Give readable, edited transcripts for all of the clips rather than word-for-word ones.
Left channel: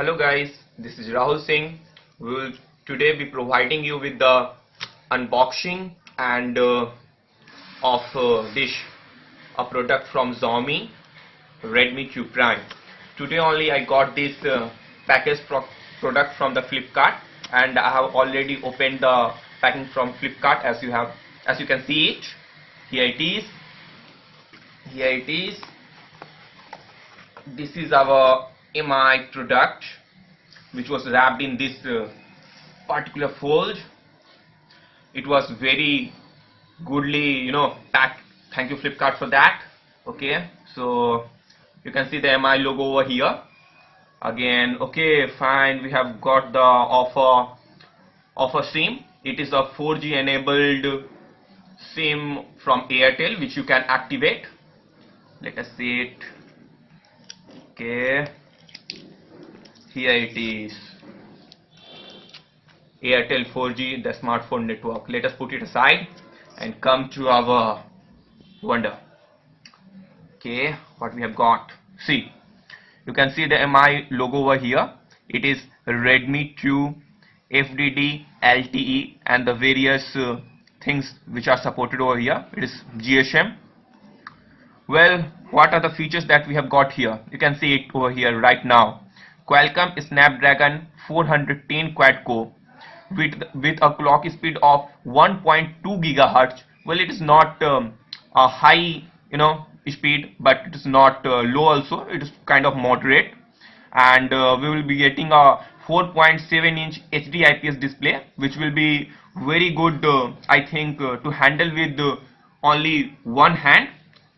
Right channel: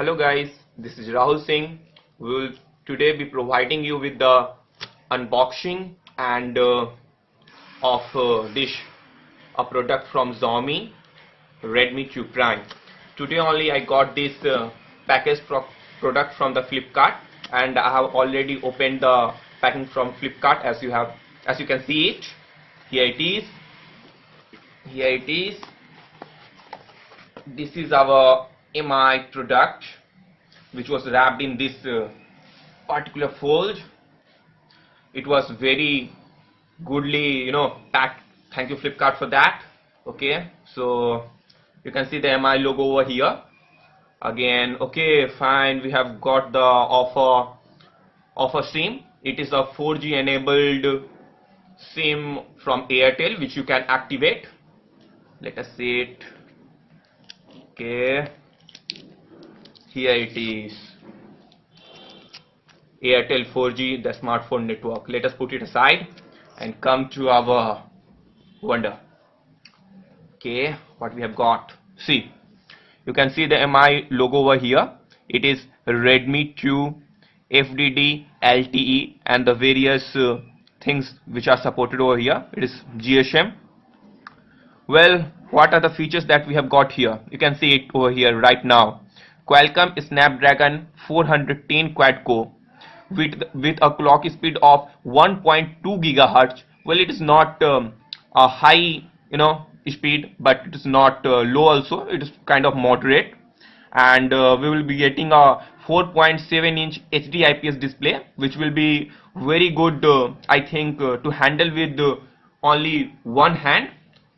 Hello guys, this is Rahul Singh. We will today be providing you with the unboxing and of dish, a product from Xiaomi, Redmi Q Prime. Today only I got this package product from the Flipkart, and I have already opened the packing from Flipkart as you can see it. Here it is. Here it is. This is our MI product, which was wrapped in this particular fold. It was very goodly, packed. Thank you Flipkart for that. Okay, so you can see the MI logo over here. Again, okay, fine. We have got the offer SIM. It is a 4G enabled SIM from Airtel, which you can activate. Let us see it. Okay, here it is. Airtel 4G, the smartphone network. Let us put it aside and come to our wonder. Okay, what we have got. See, you can see the MI logo over here. It is Redmi 2 FDD LTE and the various things which are supported over here. It is GSM. Well, what are the features that we have got here? You can see it over here right now. Qualcomm Snapdragon 410 quad core with a clock speed of 1.2 gigahertz. Well, it is not a high speed, but it is not low also. It is kind of moderate, and we will be getting a 4.7-inch HD IPS display, which will be very good, I think, to handle with only one hand,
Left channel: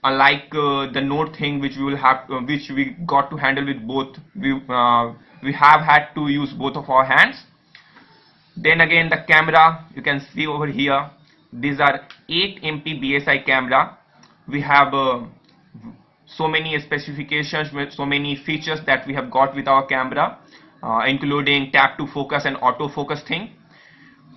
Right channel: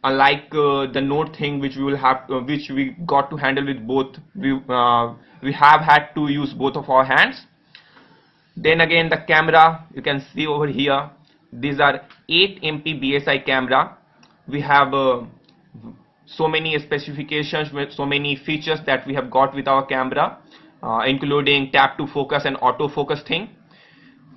unlike the Note thing, which we will have which we got to handle with both. We have had to use both of our hands. Then again, the camera, you can see over here, these are 8 MP BSI camera. We have so many specifications with so many features that we have got with our camera, including tap to focus and autofocus thing.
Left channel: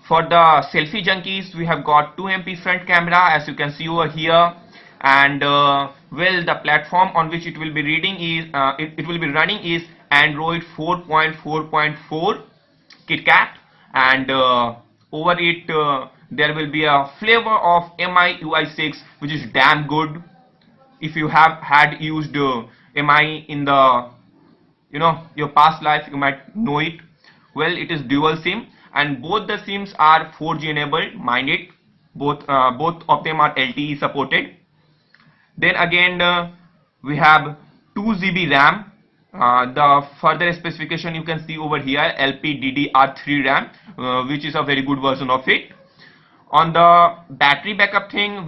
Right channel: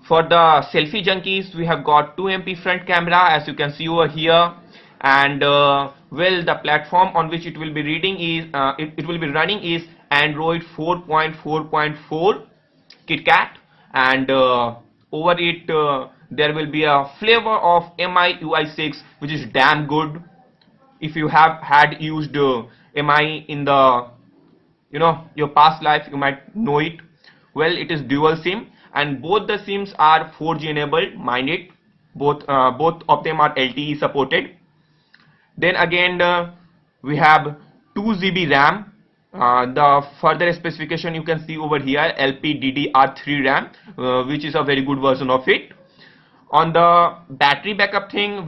For the selfie junkies, we have got 2 MP front camera, as you can see over here. And well, the platform on which it will be reading is it will be running is Android 4.4.4 KitKat, and over it there will be a flavor of MI UI 6, which is damn good. If you have had used MI in the your past life, you might know it. Well, it is dual SIM, and both the SIMs are 4G enabled. Mind it, both of them are LTE supported. Then again, we have 2 GB RAM. The further specification you can see over here, LPDDR3 RAM, which is a very good version of it. On the battery backup thing,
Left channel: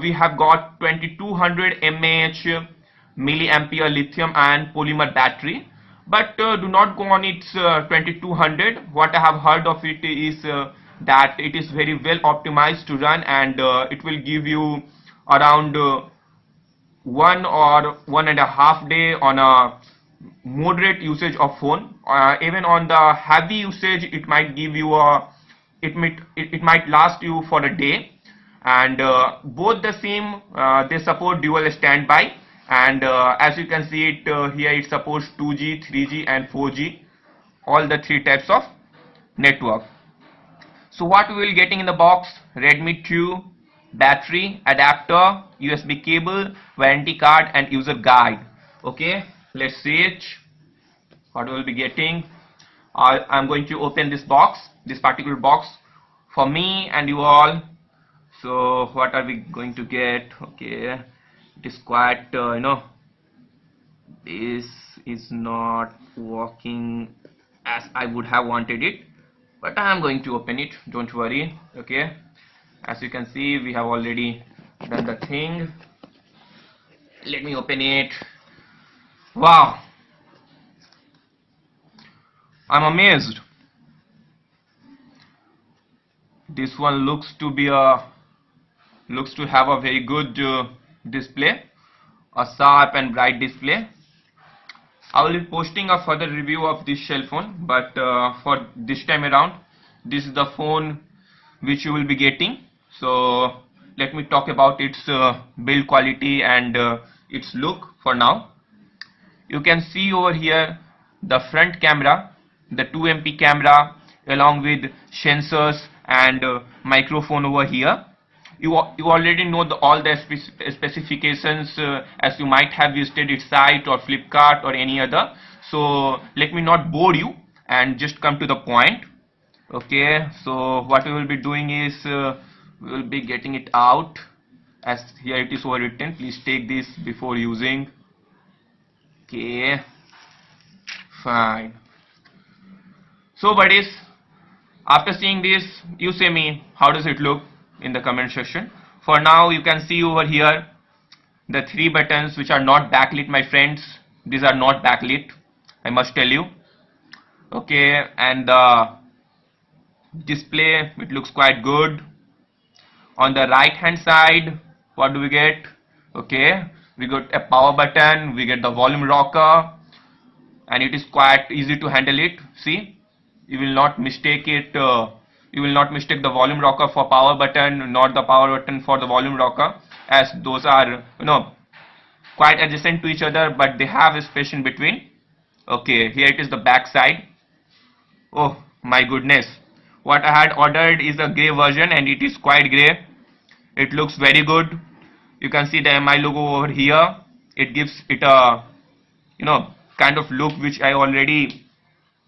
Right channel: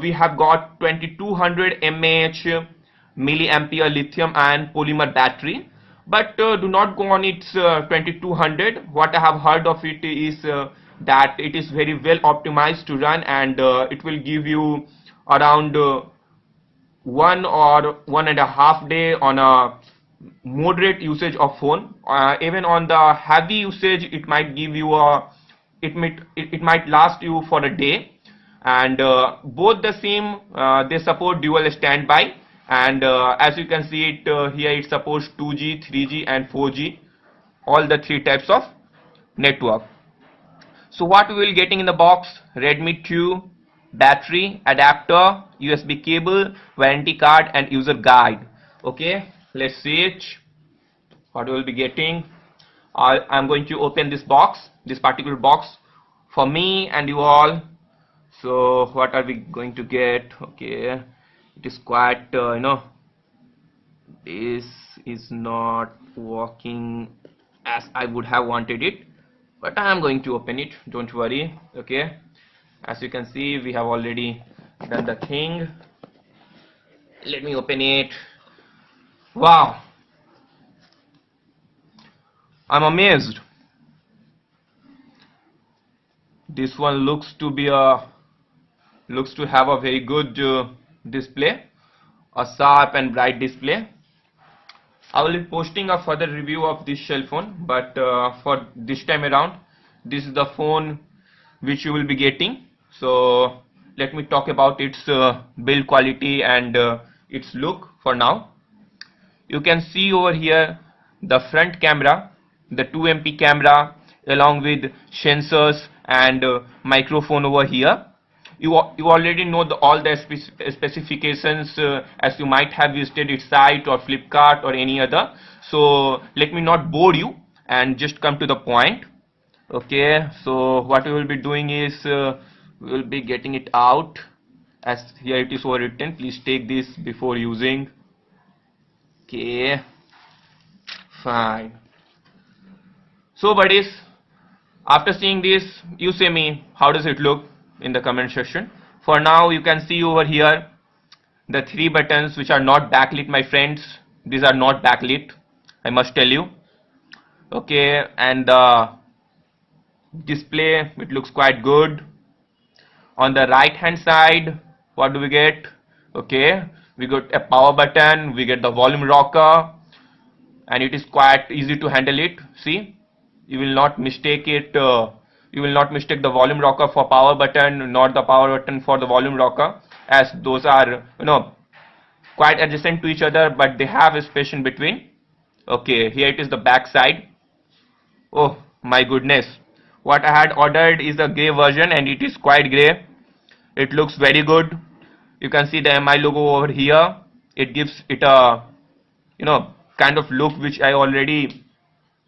we have got 2200 mAh milliampere lithium ion polymer battery, but do not go on its 2200. What I have heard of it is that it is very well optimized to run, and it will give you around 1 or 1.5 days on a moderate usage of phone. Even on the heavy usage, it might give you it might last you for a day. And both the SIM they support dual standby, and as you can see it here, it supports 2G, 3G and 4G, all the 3 types of network. So what we will getting in the box: Redmi 2 battery, adapter, USB cable, warranty card and user guide. Okay, let's see it. What we will be getting. I'm going to open this box, this particular box, for me and you all. So what are we going to get? Okay, it is quite this is not working as I would have wanted it, but I am going to open it, don't worry. Okay, as you can see, we have already done the thing. Let me open it. Wow, I'm amazed. This one looks to have a very good display, a sharp and bright display. I will be posting a further review of this shell phone, but for this time around, this is the phone which you will be getting. So let me talk about its build quality and its look for now. You can see over here the front camera, the 2MP camera, along with sensors and microphone over here. You already know all the specifications as you might have visited its site or Flipkart or any other. So let me not bore you and just come to the point. Okay, so what we will be doing is we will be getting it out, as here it is overwritten. Please take this before using. Okay, fine. So buddies, after seeing this, you say me, how does it look in the comment section. For now, you can see over here the 3 buttons which are not backlit, my friends. These are not backlit, I must tell you. Okay, and the display, it looks quite good. On the right hand side, what do we get? Okay, we got a power button, we get the volume rocker, and it is quite easy to handle it. See, you will not mistake it, you will not mistake the volume rocker for power button, not the power button for the volume rocker, as those are, you know, quite adjacent to each other, but they have a space in between. Okay, here it is the back side. Oh my goodness, what I had ordered is a grey version and it is quite grey. It looks very good. You can see the MI logo over here. It gives it a, you know, kind of look which I already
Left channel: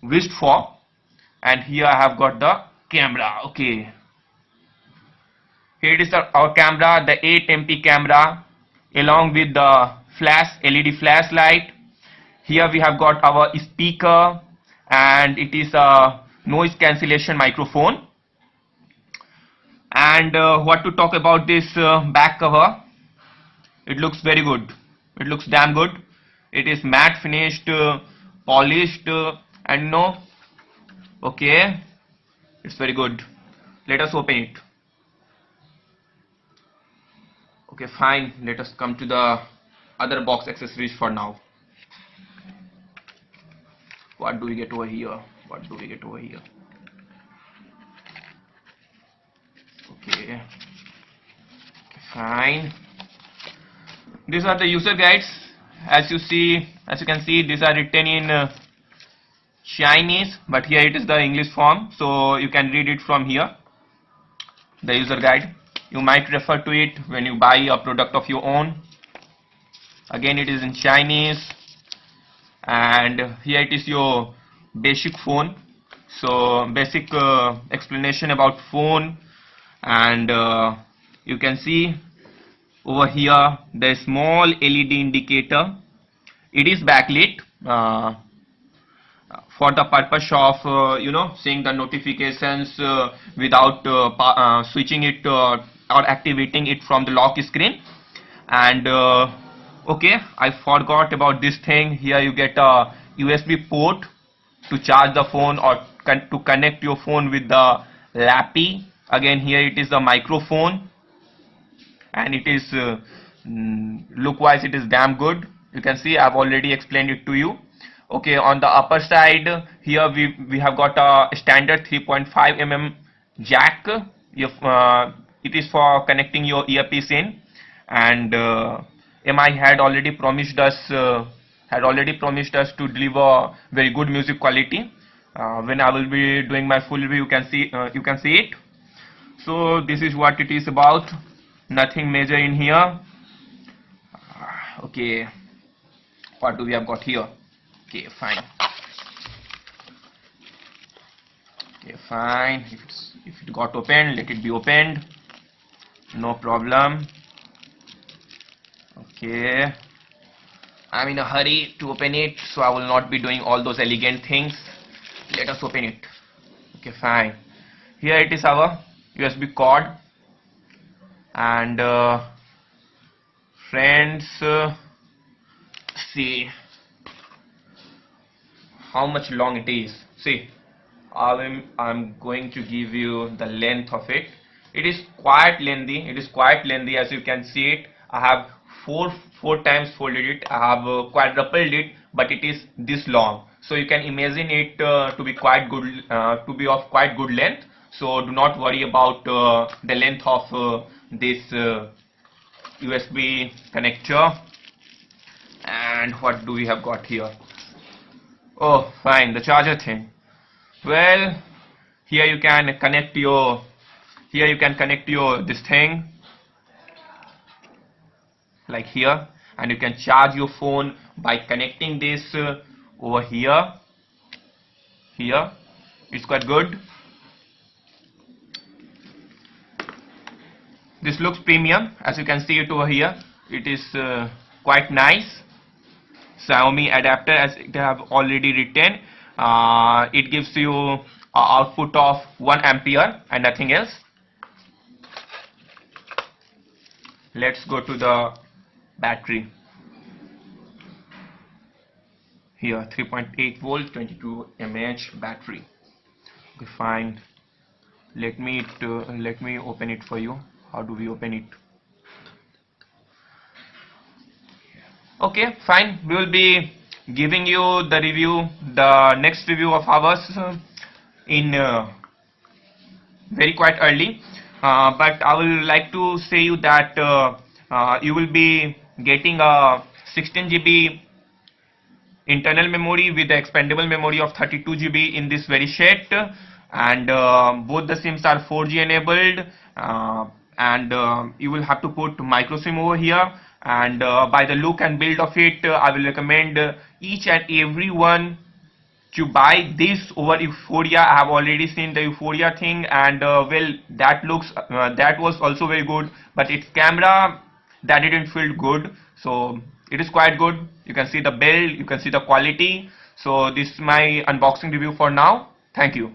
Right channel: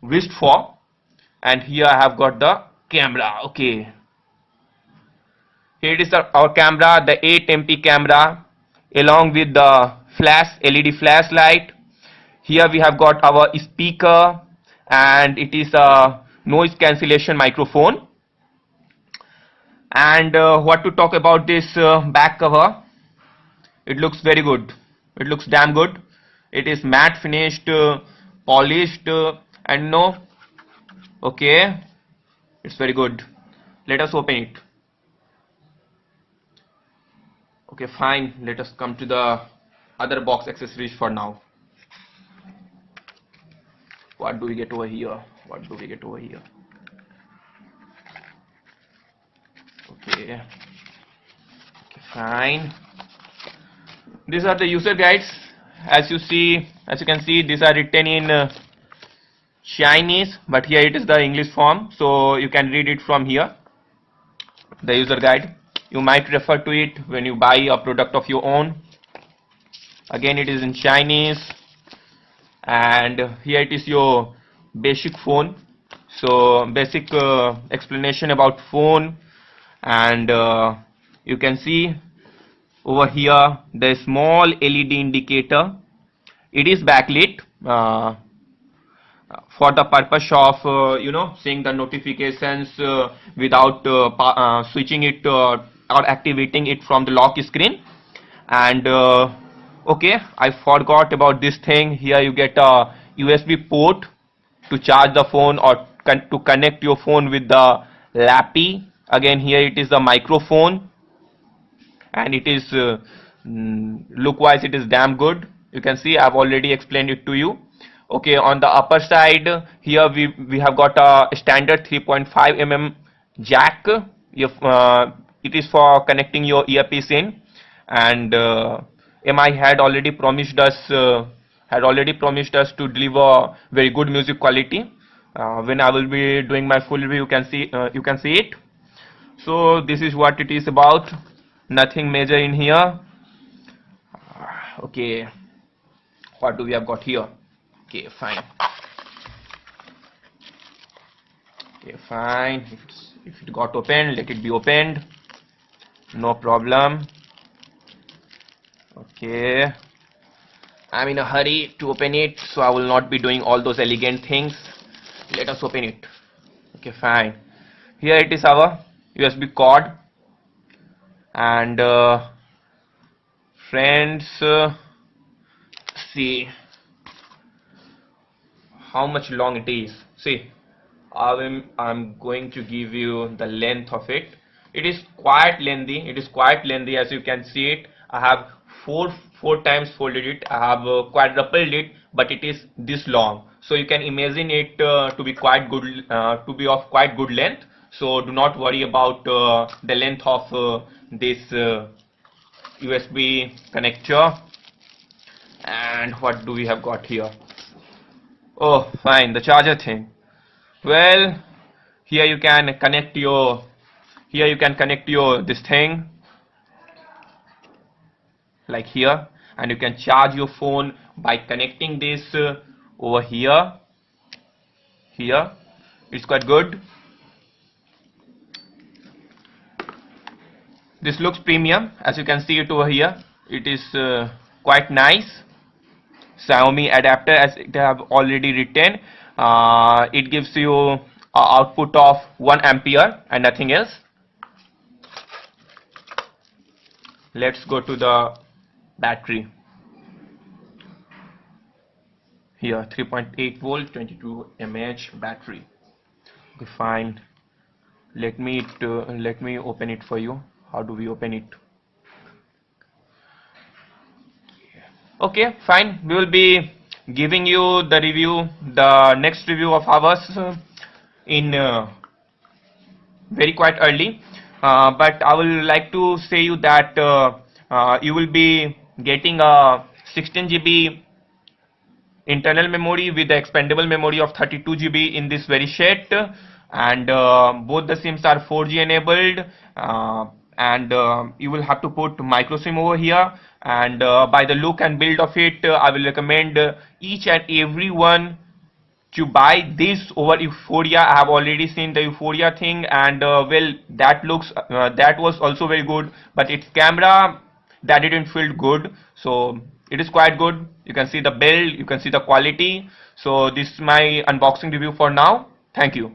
wished for. And here I have got the camera. Okay, here it is our camera, the 8MP camera, along with the flash LED flashlight. Here we have got our speaker, and it is a noise cancellation microphone. And what to talk about this back cover? It looks very good. It looks damn good. It is matte finished, polished, and no. Okay, it's very good. Let us open it. Okay, fine. Let us come to the other box accessories for now. What do we get over here? What do we get over here? Okay, fine. These are the user guides. As you can see, these are written in Chinese, but here it is the English form, so you can read it from here. The user guide. You might refer to it when you buy a product of your own. Again, it is in Chinese, and here it is your basic phone. So basic explanation about phone, and you can see over here the small LED indicator. It is backlit for the purpose of you know, seeing the notifications without switching it or activating it from the lock screen. And okay, I forgot about this thing. Here you get a USB port to charge the phone or to connect your phone with the lappy. Again, here it is the microphone, and it is look wise it is damn good. You can see I've already explained it to you. Okay, on the upper side here we have got a standard 3.5 mm jack. If it is for connecting your earpiece in, and MI had already promised us to deliver very good music quality. When I will be doing my full review, you can see it. So this is what it is about. Nothing major in here. Okay, what do we have got here? Okay, fine. Okay, fine. If it got opened, let it be opened. No problem. Okay, I'm in a hurry to open it, so I will not be doing all those elegant things. Let us open it. Okay, fine. Here it is, our USB cord, and friends, see how much long it is. See, I'm going to give you the length of it. It is quite lengthy. As you can see it, I have four times folded it. I have quadrupled it, but it is this long. So you can imagine it to be quite good, to be of quite good length. So do not worry about the length of this USB connector. And what do we have got here? Oh, fine, the charger thing. Well, here you can connect your this thing like here, and you can charge your phone by connecting this over here. Here, it's quite good. This looks premium, as you can see it over here. It is quite nice. Xiaomi adapter, as they have already written. It gives you a output of 1 ampere and nothing else. Let's go to the battery. Here, 3.8 volt, 22 mAh battery. Okay, fine. Let me open it for you. How do we open it? Okay, fine. We will be giving you the review, the next review of ours in very quite early. But I will like to say you that you will be getting a 16 GB internal memory with the expandable memory of 32 GB in this very set, and both the SIMs are 4G enabled, and you will have to put micro SIM over here, and by the look and build of it, I will recommend each and every one to buy this over Euphoria. I have already seen the Euphoria thing, and well, that was also very good, but its camera, that didn't feel good. So it is quite good. You can see the build, you can see the quality. So this is my unboxing review for now. Thank you.